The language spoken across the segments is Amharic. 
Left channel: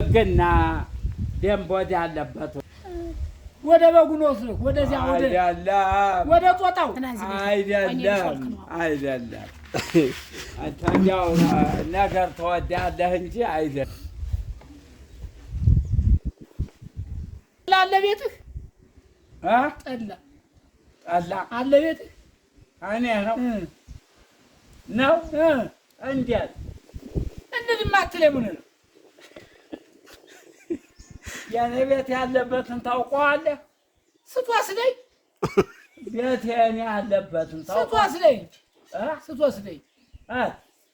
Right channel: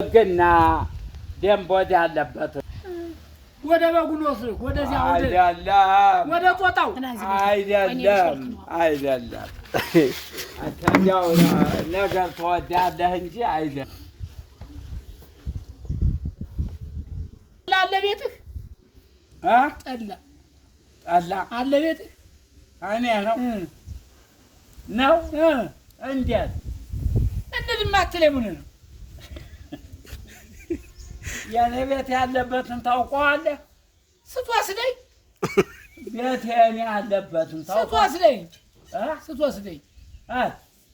ግና ደንብ ወደ አለበት ወደ በጉ ነው ስልክ ወደዚያ ወደ ጦጣው አይደለም አንተኛው ነገር ተወዳለህ እንጂ አይደለም አለ ቤትህ ጠላ አለ ቤትህ እኔ ነው እንዴት እንደዚህ ማትለኝ ምን ነው የኔ ቤት ያለበትን ታውቀዋለህ? ስትወስደኝ ቤት የኔ ያለበትን ታውቀዋለህ? ስትወስደኝ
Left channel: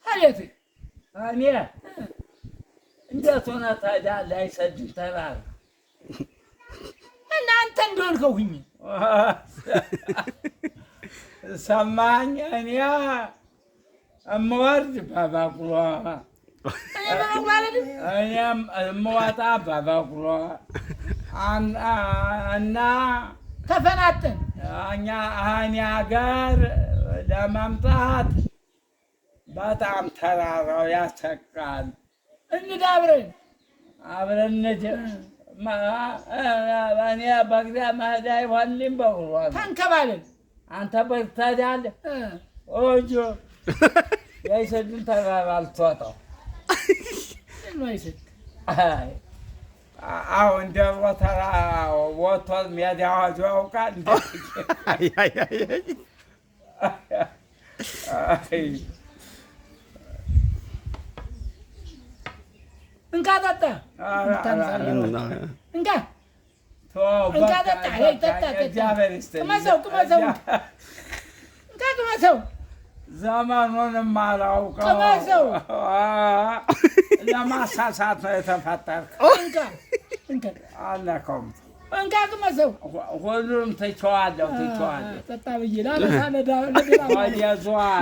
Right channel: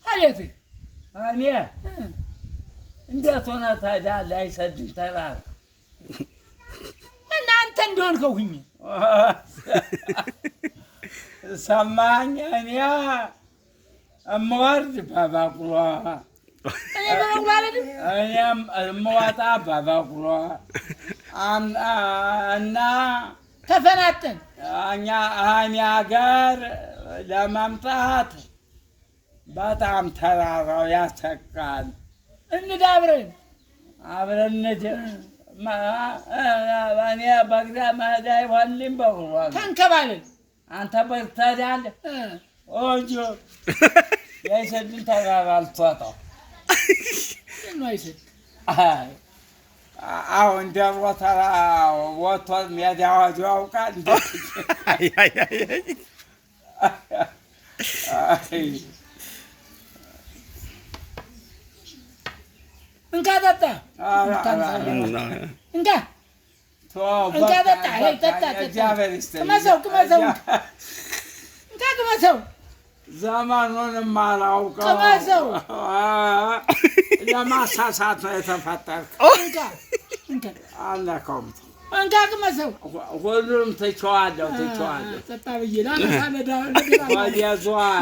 አቤትህ እኔ እንዴት ሆነ ታዲያ ላይሰድም ተራራ እናንተ እንደሆንከው ሁኚ ሰማኝ እኔ እምወርድ በበቅሎ እኔም እምወጣ በበቅሎ እና ተፈናጠን እኔ ሀገር ለመምጣት በጣም ተራራው ያሰቃል። እንዳብረን አብረን እኔ በግዳ መሄድ አይሆንልኝ በቅሎ ተንከባለን አንተ በግ ትሄዳለህ እንጂ የአይሰድን ተራራ አልትወጣው አሁን ደብሮ ተራ ወጥቶ ሜዳ ወዲሁ ያውቃል። እንካ ጠጣ እንካ ቅመሰው ዘመኑንም አላውቀው ለማሳሳት ነው የተፈጠርከው። አልነካውም። እንካ ቅመሰው። ሁሉንም ትቼዋለሁ። ጠጣ ብዬ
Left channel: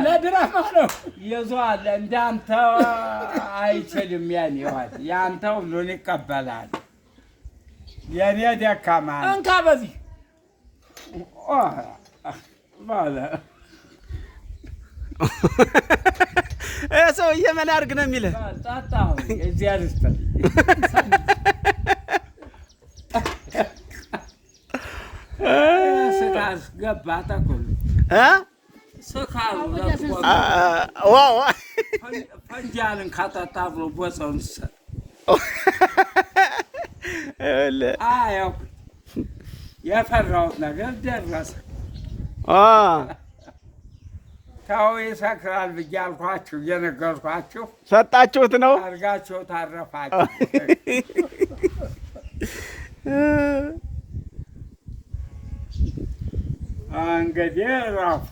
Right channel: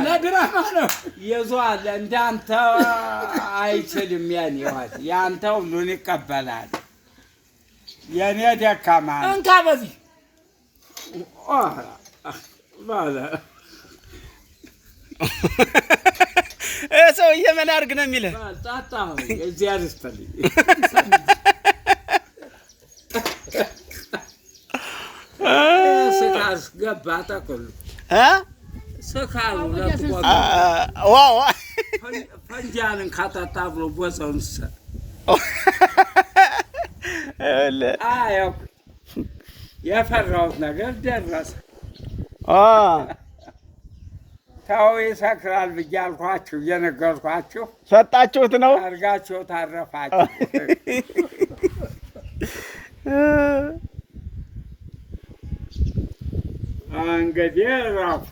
ለድራማ ነው ይዟል። እንዳንተ አይችልም። የኔ ህይወት ያንተ ሁሉን ይቀበላል። የኔ ደካማ እንካ በዚህ ባለ ሰውዬ ምን አድርግ ነው የሚልህ? ጣጣው እግዚአብሔር ይስጥልኝ። ስካስ ገባ ተኩል ስካሩ ዋው ፈንጃልን ካጣጣ ብሎ ቦታውን አየው የፈራሁት ነገር ደረሰ። ተው ይሰክራል ብዬ አልኳችሁ፣ እየነገርኳችሁ ሰጣችሁት ነው አድርጋችሁ ታረፋችሁ። እንግዲህ እረፉ።